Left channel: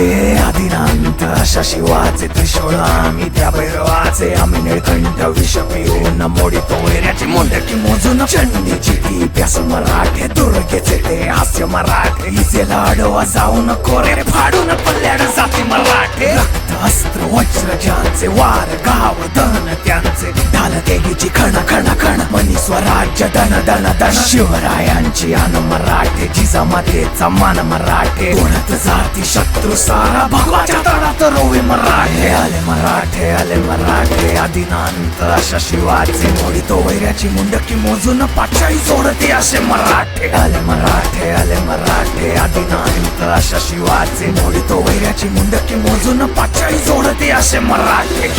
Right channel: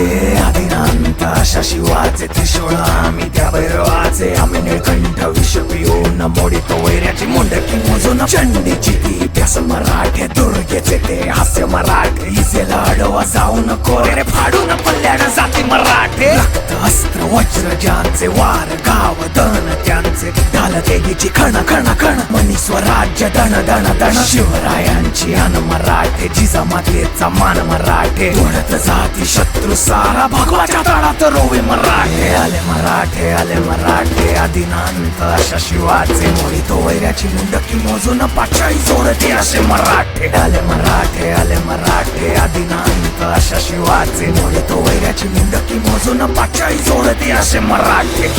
해야 되나 अशा शिवाचे त्रिशूळ आम्ही त्या भैरवाचे आम्ही निळकंठ विष पिऊन मोडितो वैऱ्याची मुंडकी मोजून चंडीची ती प्यास मराठे दुर्गेचे ते हास्य मराठे. इजेला लाडवा जाऊन कोरे फाडून पल्ल्याड जाती मराठे. रक्त अस्त्र वज्र ज्यांचे वार गाव दन त्यांचे. ढाल देगीची खण खण खण मनी स्वराज्य दण दण दण शिवरायांची अन मराठे जिजामातेचा मान मराठे. उडत जाती शत्रू सारा भगवाच्या तळा तळात रोवे मराठे आले मराठे आले मराठे. आदिनांत अशा शिवाचे मोडितो वैऱ्याची मुंडकी मोजून पाचाई जोडते असे मराठे. आले मराठे आले मराठे. आदिनांत अशा शिवाचे मोडितो वैऱ्याची मुंडकी मोजून पाचाई जोडते असे मराठे.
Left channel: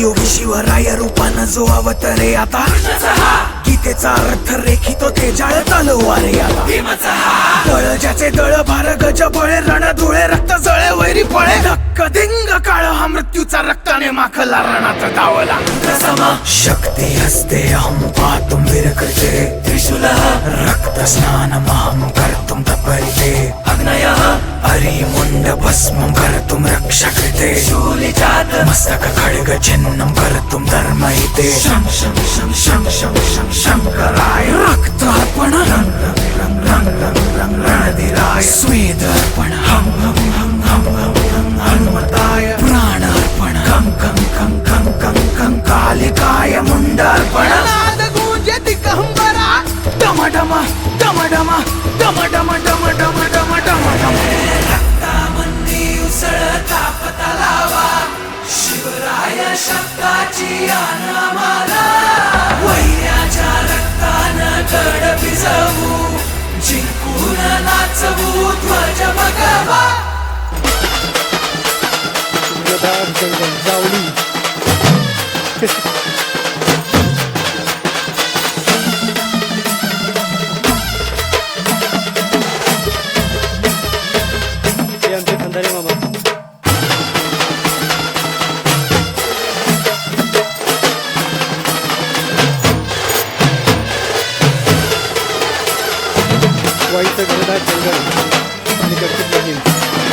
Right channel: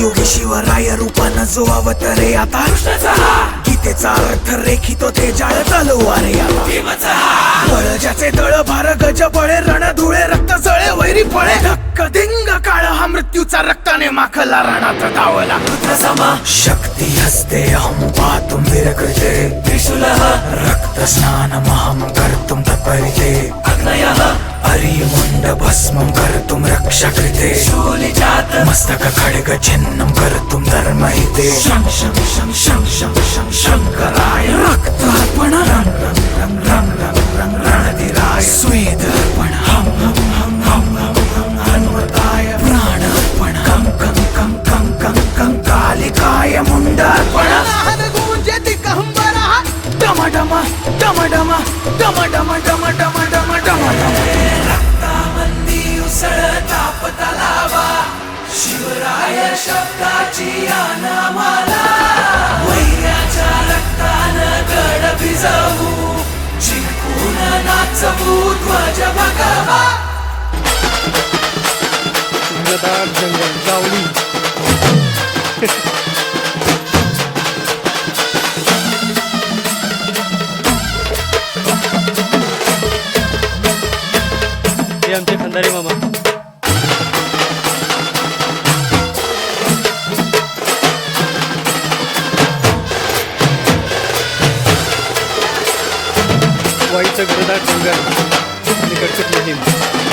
योगी शिवराय रूपानं जो अवतरे आता. गीतेचा अर्थ रेखितो ते जाळ तलवारे आला बळ ज्याचे दळ भार गज बळे रण धुळे रक्त जळे वैरी पळे धक्क दिंग काळ हा मृत्यूचा रक्ताने माखला रणात धावला. शक्ती हस्ते अहम पातुम विरकृते. रक्त स्नान महं हरि मुंड भस्मं कर्तुम रक्षा कृते मस्तक खड्ग छिन्नं कर्तुम धर्महिते शं शं शं शं शं शं शंकराय रक्तार्पण रंग रंग रंग रंग रंग रंग रणधिराय स्वेदर्पण हम हम हम हम हम हम हनुमताय प्राणार्पण कं कं कं कं कं कं कालिकाय मुंडार्पण नाद गूंजति कहंबरा डम डम डम डम डम डम डम डम डम डम तलावा शिवराय शब्दाची अनामाला वैऱ्याच्या रक्तानं गड भिजवू. जिंकून नाचवू ध्वज भगवा. जंगल जावली आमचे खंदारे मामा. वाईचं घनदाट जंगल आणि कडकट मोहीम